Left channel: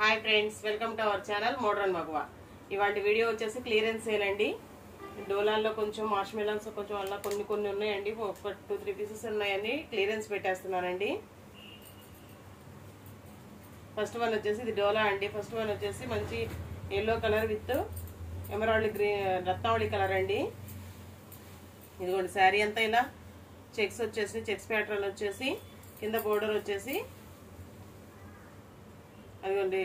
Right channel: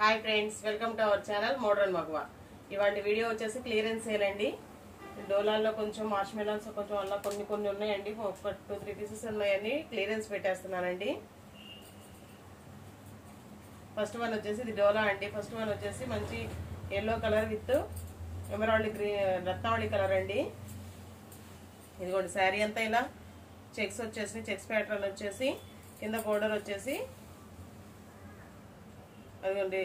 Hi friends, welcome to our channel modern మగవా. ఇవాళ video వచ్చేసి క్లియరెన్స్ సేల్ అండి. డోలాల్లో కొంచెం మార్ష్ మెలన్స్ కొంచెం అలా కొన్ని ఉన్నాయండి. ఒక 2-3 పీసెస్ ఉన్నాయండి. క్లియరెన్స్ పెట్టేస్తున్నానండి. ఫస్ట్ వన్ వచ్చేసి ఇది డోలా అండి. ఫస్ట్ వన్ వచ్చేసి మంచి yellow colour with emerald green Ratnavali colour అండి. ఇదిగోండి శారీ అంతా ఇలా చెక్స్ వచ్చేసి చెక్స్ ప్యాటర్న్ వచ్చేసి కింద బోర్డర్ వచ్చేసి అదిగోండి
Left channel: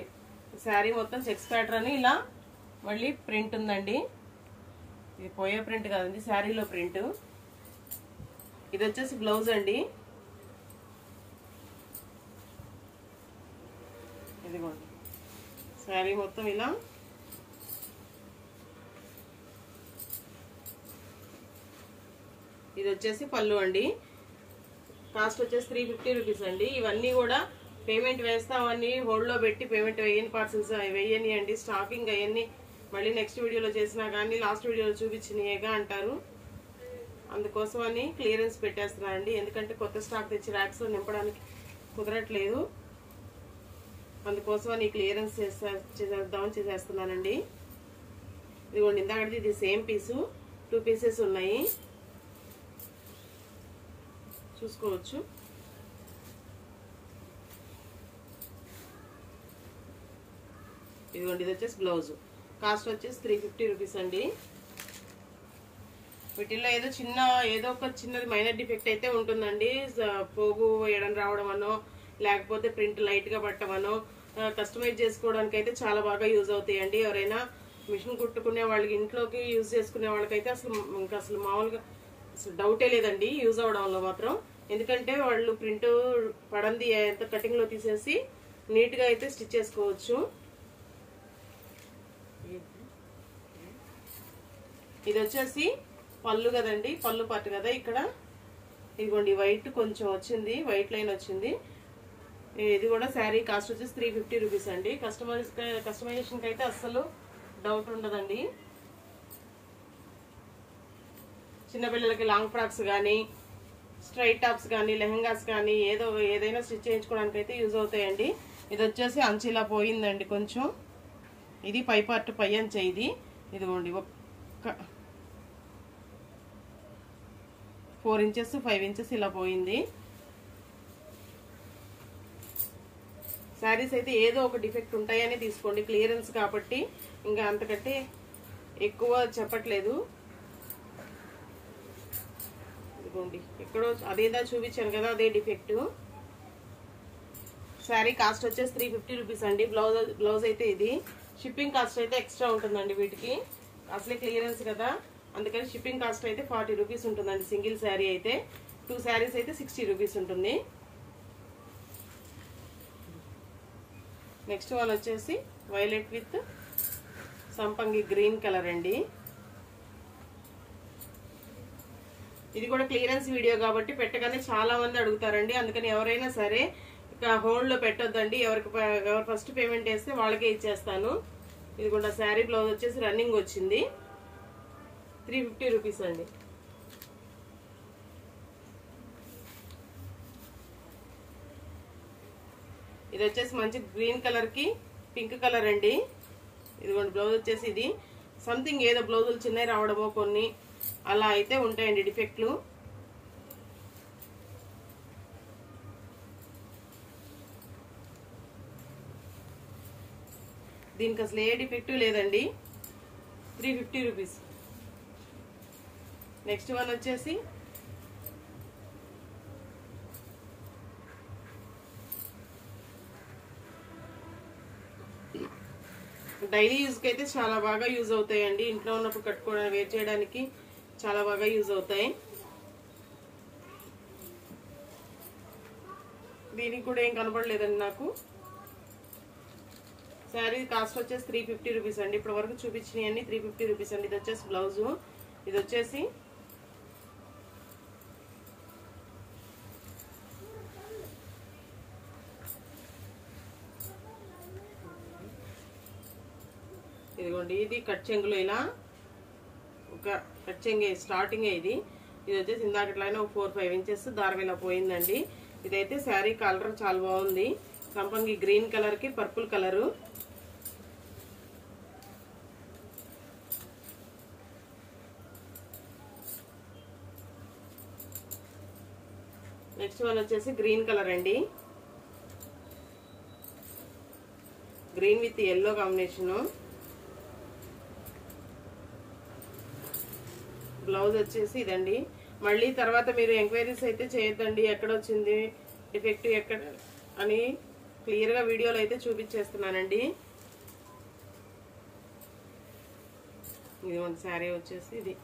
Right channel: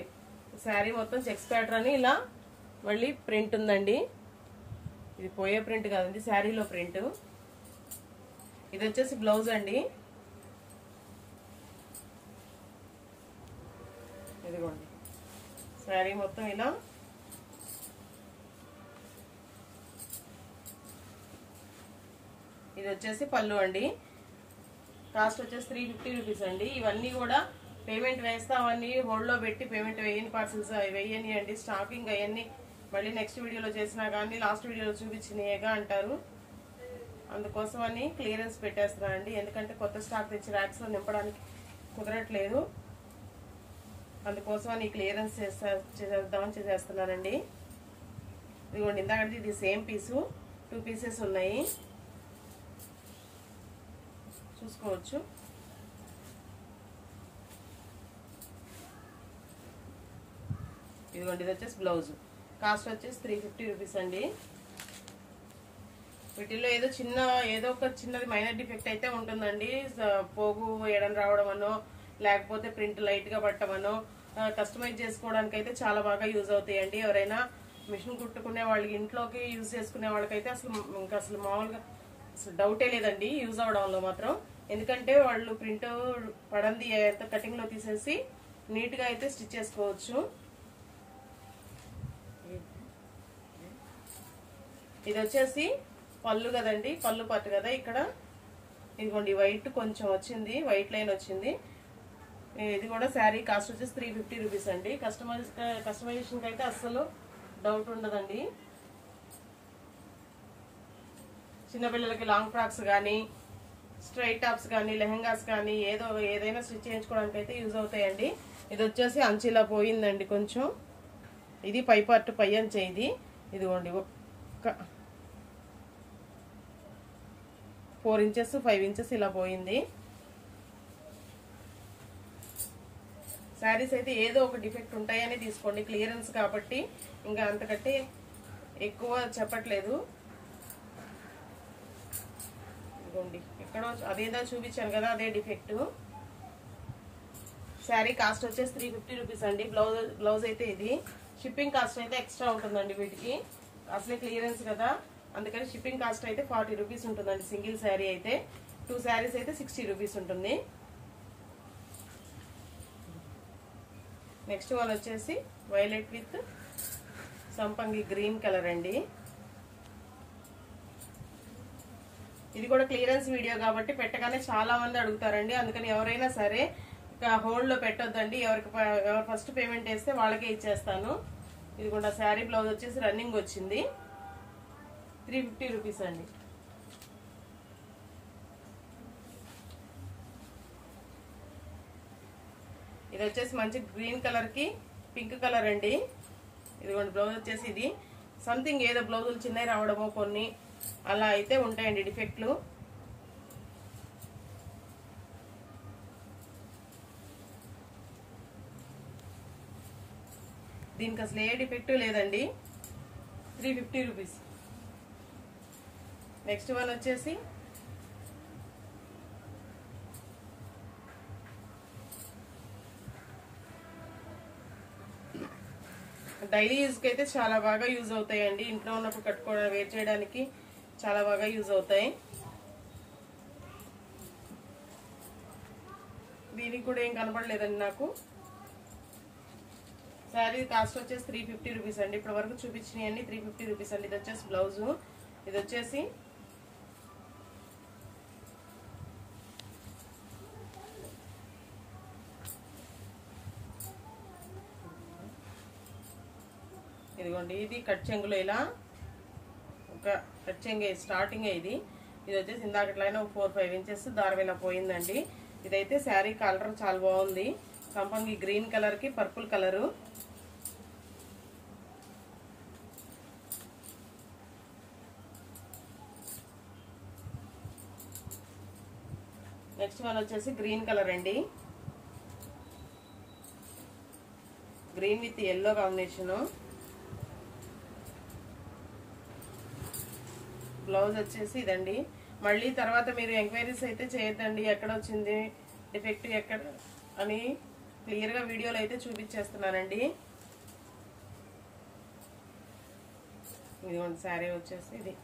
శారీ మొత్తం చెక్స్ ప్యాటర్న్ ఇలా మళ్ళీ ప్రింట్ ఉందండి. ఇది పోయే ప్రింట్ కాదండి, శారీలో ప్రింట్. ఇది వచ్చేసి బ్లౌజ్ అండి. ఇదిగోండి శారీ మొత్తం ఇలా ఇది వచ్చేసి పళ్ళు అండి. కాస్ట్ వచ్చేసి 350 రూపీస్ అండి. ఇవన్నీ కూడా పేమెంట్ వేస్తామని హోల్డ్ లో పెట్టి పేమెంట్ వేయని పార్సల్స్ వేయని అండి. స్టాకింగ్ అవన్నీ మళ్ళీ నెక్స్ట్ వీడియోలో చేసినా కానీ లాస్ట్ వీడియోలో చూపించినాయేగా అంటారు. అందుకోసమని క్లియరెన్స్ పెట్టేస్తున్నానండి. ఎందుకంటే కొత్త స్టాక్ తెచ్చి ర్యాక్స్ లో నింపడానికి కుదరట్లేదు. అందుకోసమని క్లియరెన్స్ చేద్దామని చేసేస్తున్నానండి. ఇదిగోండి ఇందాకటి ఇది సేమ్ పీసు 2 పీసెస్ ఉన్నాయి, చూసుకోవచ్చు. ఇదిగోండి ఇది వచ్చేసి బ్లౌజ్. కాస్ట్ వచ్చేసి 350 రూపీస్ అండి. వీటిల్లో ఏదో ఒక చిన్నది మైనర్ డిఫెక్ట్ అయితే ఉంటుందండి. పోగు వేయడం రావడం అనో లేకపోతే ప్రింట్ లైట్ గా పట్టమనో కస్టమైజ్ చేసుకోవడానికి అయితే చాలా బాగా యూజ్ అవుతాయండి. ఎవరైనా మిషన్ కుట్టుకునే వాళ్ళకి ఇంట్లోకి యూజ్ చేసుకునే వాళ్ళకైతే అసలు మామూలుగా డౌటే లేదండి యూజ్ అవడంలో మాత్రం. ఎందుకంటే వాళ్ళు ప్రింట్ పడంది కటింగ్ లో తీసేసి నీట్ గా అయితే స్టిచ్ చేసుకోవచ్చు. ఇది వచ్చేసి పళ్ళు కదండి, పళ్ళు పట్టు కదా. ఇక్కడ ఇదిగోండి వైట్ కొంచెం వచ్చింది, వైట్ లైన్ వచ్చింది. ఇది కూడా శారీ కాస్ట్ వచ్చేసి 350 రూపీస్ అండి. కస్టమైజేషన్ కి అయితే అస్సలు డౌట్ ఉండదండి. చిన్నపిల్లలకి లాంగ్ ఫ్రాక్స్ కానీ స్ట్రైట్ టాప్స్ కానీ లెహంగాస్ కానీ ఏదైనా స్టిచ్ చేయించుకోవడానికి అయితే యూజ్ అవుతాయండి. ఇది వచ్చేసి అంచిలా పోయిందండి కొంచెం. ఇది పై పార్ట్ పై అంచె. ఇదిగోండి 4 ఇంచెస్ 5 ఇంచెస్ ఇలా పోయింది. శారీస్ అయితే ఏదో ఒక డిఫెక్ట్ ఉంటాయని తీసుకోండి, క్లియరెన్స్ కాబట్టి ఇంకా అంతకంటే ఎక్కువ చెప్పట్లేదు. ఇదిగోండి ఎక్కడో అదేదా చూపించాను కదా, అదే డిఫెక్ట్. శారీ కాస్ట్ వచ్చేసి 350 రూపీస్ అండి. బ్లౌజ్ అయితే ఇది. షిప్పింగ్ కాస్ట్ అయితే ఎక్స్ట్రా ఉంటుందండి వీటికి, అసలే క్లియరెన్స్ కదా. అందుకని షిప్పింగ్ కాస్ట్ అయితే 40 రూపీస్ ఉంటుందండి. సింగిల్ శారీ అయితే 2 శారీస్ అయితే 60 రూపీస్ ఉంటుంది. నెక్స్ట్ వన్ వచ్చేసి వైలెట్ విత్ సంపంగి గ్రీన్ కలర్ అండి. ఇది కూడా క్లియరెన్స్ వీడియో కాబట్టి పెట్టగానే చాలా మంది అడుగుతారండి. అందుకని ఎవరైనా సరే హోల్డ్ లో పెట్టొద్దండి. ఎవరు ఫస్ట్ పేమెంట్ వేస్తే వాళ్ళకే ఇచ్చేస్తాను. ఇది కూడా శారీ బ్లౌజ్ వచ్చేసి రన్నింగ్ వచ్చింది. 350 రూపీస్ అండి. ఇది వచ్చేసి మంచి గ్రీన్ కలర్ కి పింక్ కలర్ అండి. ఇదిగోండి బ్లౌజ్ వచ్చేసి ఇది సంథింగ్ ఏదో బ్లౌజులు చిన్నవి రావడమో కొన్ని అలా అయితే ఉంటాయండి డిఫెక్ట్లు. దీనికి అసలు ఏ డిఫెక్ట్ లేదండి. 350 రూపీస్. నెక్స్ట్ వన్ వచ్చేసి డైలీ యూజ్ కి అయితే చాలా బాగా యూజ్ అవుతాయండి. ఇంట్లో ఉన్నప్పుడు కట్టుకోవడం వేర్ చేయడానికి చాలా బాగా యూజ్ అవుతాయి. దీనికి కూడా ఏం కనపడలేదండి నాకు. శారీ కాస్ట్ వచ్చేసి 350 రూపీస్ అండి. ఇప్పటి వరకు చూపించినవి 350 రూపీస్ అండి. ఇది వచ్చేసి బ్లౌజు. ఇది వచ్చేసి ఇదిగోండి ఇది కట్ చెంగులో ఇలా ఒక కట్ చెంగే స్టార్టింగ్. ఇది వచ్చేసి ఇందాకట్లానే ఒక 4-5 ఇంచెస్ దారం ఇలా పోయిందండి. ఇదైతే శారీ కలర్ చాలా బాగుంది. సంపంగి గ్రీన్ కలర్ కి పర్పుల్ కలరు. నెక్స్ట్ వన్ వచ్చేసి గ్రీన్ కలర్ అండి. Green with yellow combination. Blouse వచ్చేసి ఇదండి. మళ్ళీ తర్వాత మీరు ఎంక్వైరీస్ అయితే చేయొద్దండి, ఎక్కడ వచ్చింది డిఫెక్ట్ ఎక్కడ అని క్లియర్ గా వీడియోలో అయితే చూపించేస్తున్నానండి. ఇదిగోండి శారీ వచ్చేసి ఇది.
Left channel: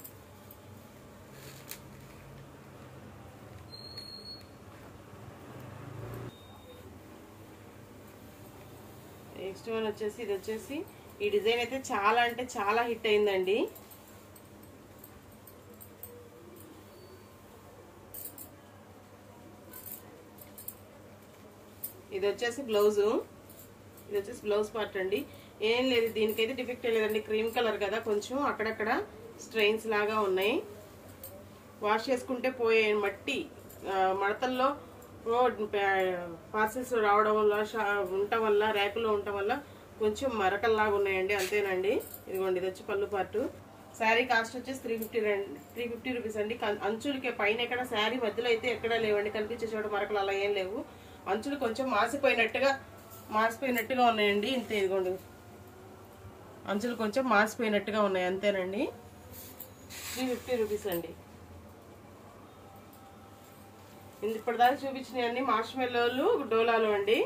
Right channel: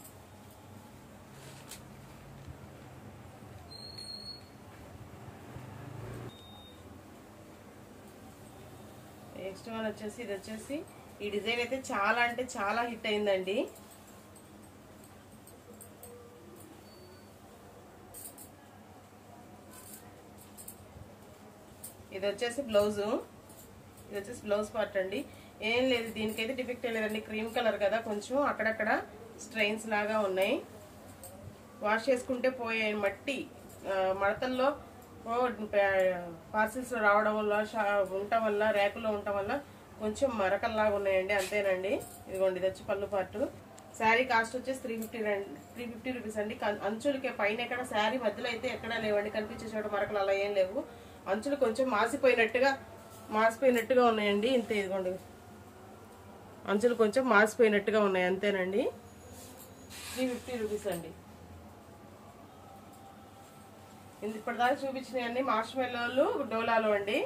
నెక్స్ట్ వన్ వచ్చేసి ఇది వచ్చేసి ఈ డిజైన్ అయితే చాలా అంటే చాలా హిట్ అయిందండి. ఇది వచ్చేసి బ్లౌజ్. ఇది వచ్చేసి బ్లౌజ్ పార్ట్ అండి. ఏం లేదు, దీనికైతే డిఫెక్ట్ లేదండి. క్రీమ్ కలర్ కదా, కొంచెం అక్కడక్కడ స్ట్రెయిన్స్ లాగా ఉన్నాయి. వాష్ చేసుకుంటే పోయే మట్టి మడతల్లో పార్సిల్స్ రావడం వల్ల ఉండటం వల్ల ర్యాకుల్లో ఉండటం వల్ల కొంచెం మరకల్లాగా ఉన్నాయండి, అంతేనండి. ఇదిగోండి ఇది వచ్చి పళ్ళు పార్టు. శారీ కాస్ట్ వచ్చేసి 350 రూపీస్ అండి. అంచులకి పైన ఎక్కడ శారీ మధ్యలో అయితే ఎక్కడా లేవండి, కనిపించే చోట మరకలు అలా ఏం లేవు. అంచులు కొంచెం మాసిపోయినట్టుగా ఉన్నాయండి, ఇంతే. ఇదిగోండి అంచులు కొంచెం మాసిపోయినట్టుగా ఉన్నాయి, అంతేనండి. 350 రూపీస్ అండి. ఇప్పటిదాకా చూపించినాయండి మార్ష్ మెల్లోలు డోలాలు అండి.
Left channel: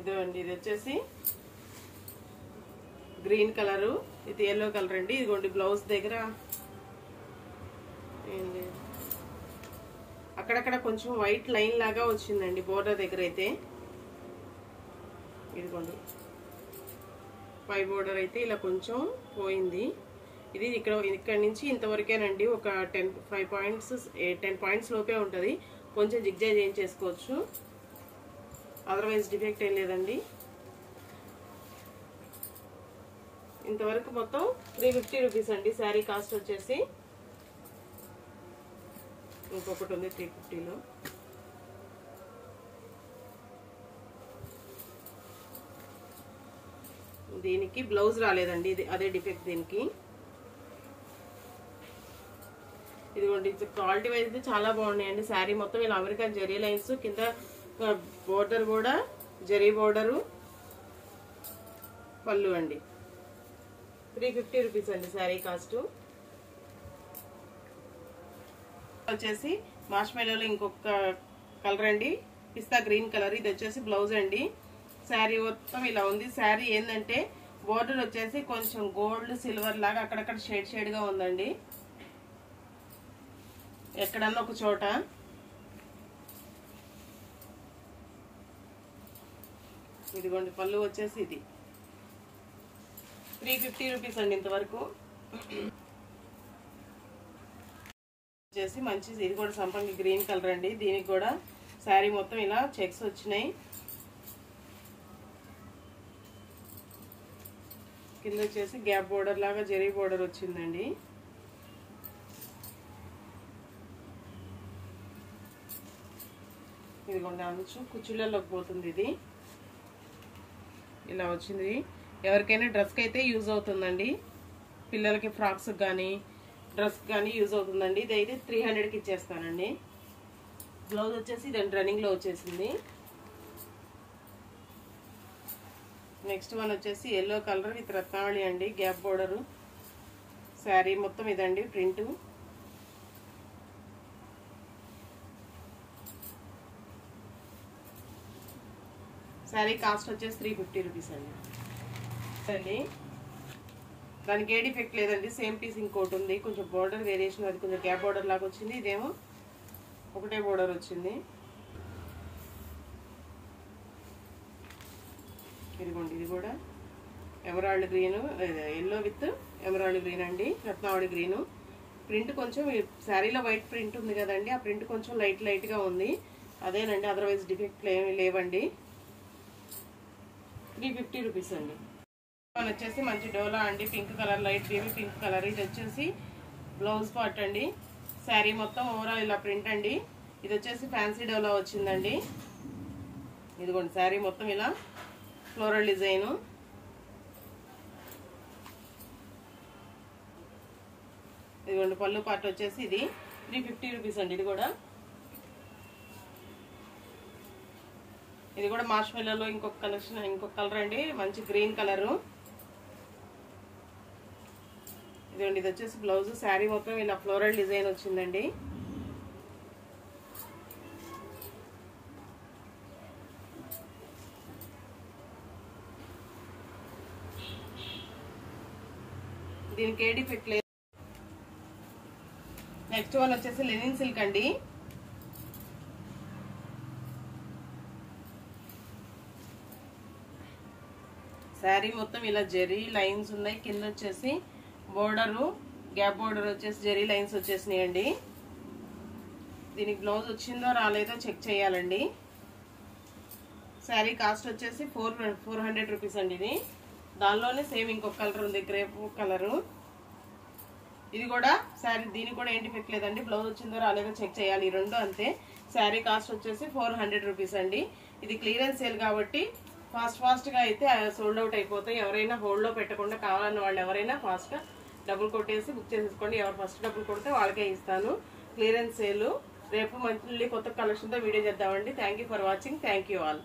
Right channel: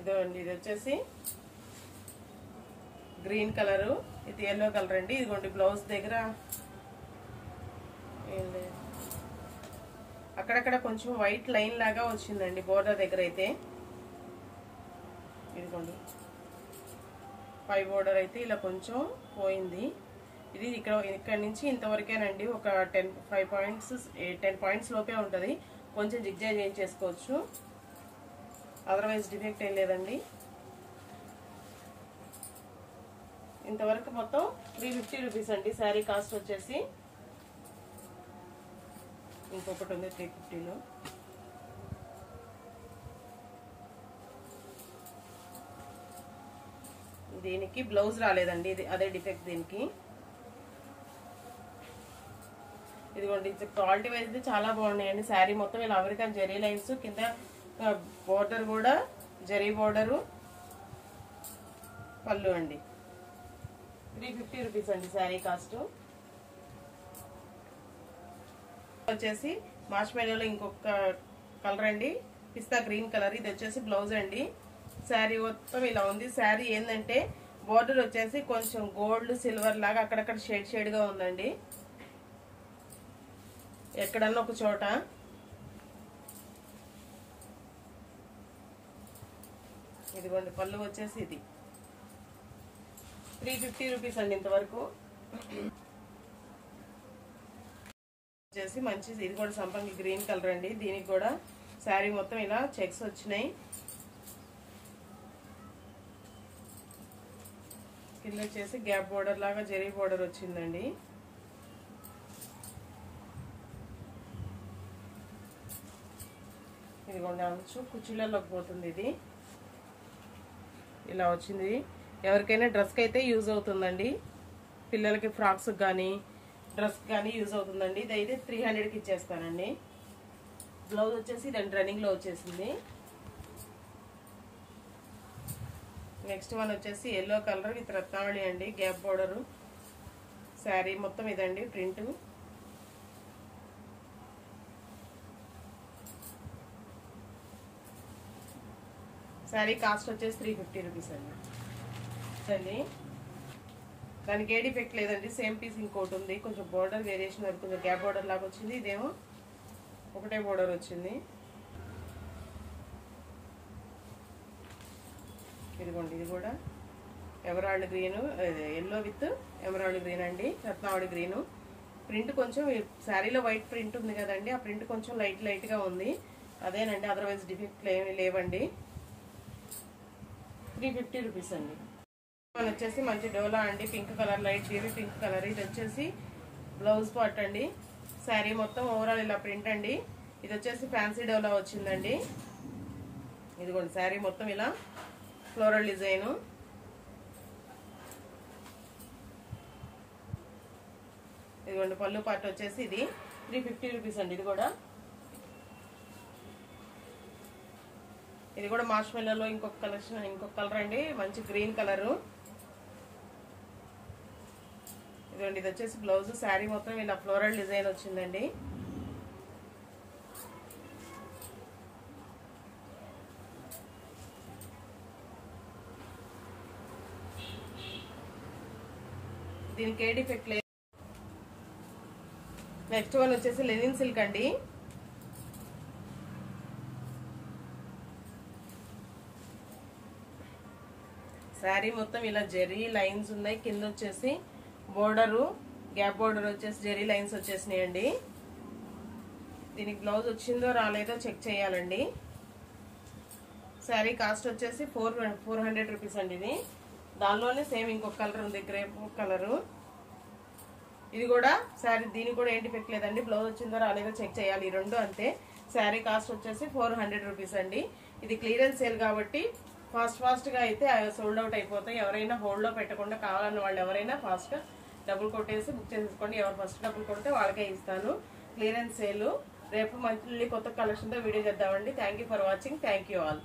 ఇదండి ఇది వచ్చేసి గ్రీన్ కలరు, ఇది ఎల్లో కలర్ అండి. ఇదిగోండి బ్లౌజ్ దగ్గర అక్కడక్కడ కొంచెం వైట్ లైన్ లాగా వచ్చిందండి బోర్డర్ దగ్గర అయితే. ఇదిగోండి పై బోర్డర్ అయితే ఇలా కొంచెం పోయింది. ఇది ఇక్కడ నుంచి ఇంతవరకేనండి. ఒక 10 పాయింట్స్ లోపే ఉంటుంది. కొంచెం జిగ్జాగ్ చేసుకోవచ్చు, అదర్వైజ్ డిఫెక్ట్ ఏం లేదండి. ఇంతవరకు మొత్తం 350 రూపీస్ అండి శారీ కాస్ట్ వచ్చేసి. ఇంకొకటి ఉంది 350లో. దీనికి బ్లౌజ్ రాలేదండి, ఇది అదే డిఫెక్ట్ దీనికి. ఇదిగోండి క్వాలిటీ వైజ్ చాలా బాగున్నాయండి. శారీ మొత్తం ఇలా అమెరికన్ జెరీ లైన్స్, కింద బోర్డర్ కూడా జరీ బోర్డరు, పళ్ళు అండి. 350 రూపీస్ అండి శారీ కాస్ట్. వచ్చేసి మార్ష్ మెల్లోలో ఇంకొక కలర్ అండి, పిస్తా గ్రీన్ కలర్. ఇది వచ్చేసి బ్లౌజ్ అండి. శారీ మొత్తం ఇలా ఉంది. శారీ ఏంటంటే బోర్డర్ వచ్చేసి కొంచెం గోల్డ్ సిల్వర్ లాగా అక్కడక్కడ షేడ్ గా ఉందండి, ఎక్కడన్నా ఒక చోట. ఇదిగోండి పళ్ళు వచ్చేసి ఇది 350 రూపీస్ అండి ఇంతవరకు. వచ్చేసి మంచిది, ఇది కూడా సంపంగి గ్రీన్ కలర్ అండి. దీనికి కూడా శారీ మొత్తం ఇలా చెక్స్ వచ్చినాయి. కింద వచ్చేసి గ్యాప్ బోర్డర్ లాగా జరీ బోర్డర్ వచ్చిందండి. ఇదిగోండి అంచు కుర్చీలలోకి పోతుంది. ఇది ఇలా వచ్చింది. ఎవరికైనా డ్రెస్కి అయితే యూజ్ అవుతుందండి, పిల్లలకి ఫ్రాక్స్ కానీ డ్రెస్ కానీ యూజ్ అవుతుందండి. ఇది అయితే 300కి ఇచ్చేస్తానండి. బ్లౌజ్ వచ్చేసి రన్నింగ్ లో వచ్చేసింది. నెక్స్ట్ వన్ వచ్చేసి ఎల్లో కలర్ విత్ రత్నావళి అండి, గ్యాప్ బోర్డరు. శారీ మొత్తం ఇదండి ప్రింట్. శారీ కాస్ట్ వచ్చేసి 350 రూపీస్ అండి. దానికి ఏ డిఫెక్ట్ లేదండి, సేమ్ పీస్ ఇంకోటి ఉంది. కొంచెం బోర్డర్ వేరియేషన్ అది కొంచెం గ్యాప్ బోర్డర్ లాగా వచ్చింది, ఇదేమో ఒకటే బోర్డర్ వచ్చింది. ఇదిగోండి ఇది కూడా emerald green, yellow with emerald green అండి, రత్నావళి గ్రీన్. ప్రింట్ కొంచెం శారీలో వైట్ ప్రింట్ ఉంది కదండి, ఆ ప్రింట్ కొంచెం లైట్ గా ఉంది, అదేనండి. అదర్వైజ్ డిఫెక్ట్ ఏమీ లేవండి. 350 రూపీస్ అండి. వచ్చేసి మంచి డోలా అండి, pink colour, light baby pink colour. ఇది వచ్చేసి బ్లౌజ్ పార్ట్ అండి. శారీ మొత్తం ఓవరాల్ ఇలా ప్రింట్ అండి. ఇది వచ్చేసి ఫ్యాన్సీ డోలా వచ్చిందండి. ఇదిగోండి శారీ మొత్తం ఇలా ఫ్లోరల్ డిజైన్. ఇదిగోండి పళ్ళు పార్ట్ వచ్చేసి ఇది 350 రూపీస్ అండి. ఇది కూడా మార్ష్మెల్లోలో ఇంకొక కలెక్షన్, ఇంకొక కలర్ అండి, మంచి గ్రీన్ కలరు. ఇదిగోండి ఇది వచ్చేసి బ్లౌజ్. శారీ మొత్తం ఇలా ఫ్లోరల్ డిజైన్ వచ్చిందండి. దీనికి ఏ డిఫెక్ట్ లేదు. నెక్స్ట్ వన్ వచ్చేసి లెనిన్ సిల్క్ అండి. శారీ మొత్తం ఇలా జెరీ లైన్స్ ఉన్నాయి. కింద వచ్చేసి బోర్డరు, గ్యాప్ బోర్డర్ వచ్చేసి జెరీ లైన్స్ వచ్చేసినాయండి. దీనికి బ్లౌజ్ వచ్చిందో రాలేదో చెక్ చేయాలండి. శారీ కాస్ట్ వచ్చేసి 400 రూపీస్ అండి. ఇది దానిలోనే సేమ్ ఇంకొక కలర్ ఉంది, గ్రేప్ కలరు. ఇది కూడా శారీ, దీనికి కూడా ఏంటి డిఫెక్ట్ లేదండి. బ్లౌజ్ వచ్చిందో రాలేదో చెక్ చేయాలి. ఈ రెండు అంతే. శారీ కాస్ట్ వచ్చేసి 400 రూపీస్ అండి. ఇది క్లియరెన్స్ సేల్ కాబట్టి ఫాస్ట్ గా అయితే సోల్డ్ అవుట్ అయిపోతాయి. ఎవరైనా హోల్డ్ లో పెట్టకుండా కావాలన్న వాళ్ళు ఎవరైనా ఫాస్ట్ గా డబ్బులు కొట్టేసి బుక్ చేసేసుకోండి. ఎవరు ఫస్ట్ డబ్బులు కొడితే వాళ్ళకే ఇస్తాను. Clearance sale. రేపు మళ్ళీ కొత్త కలెక్షన్ తో వీడియో చేద్దామండి. Thank you for watching. Thank you all.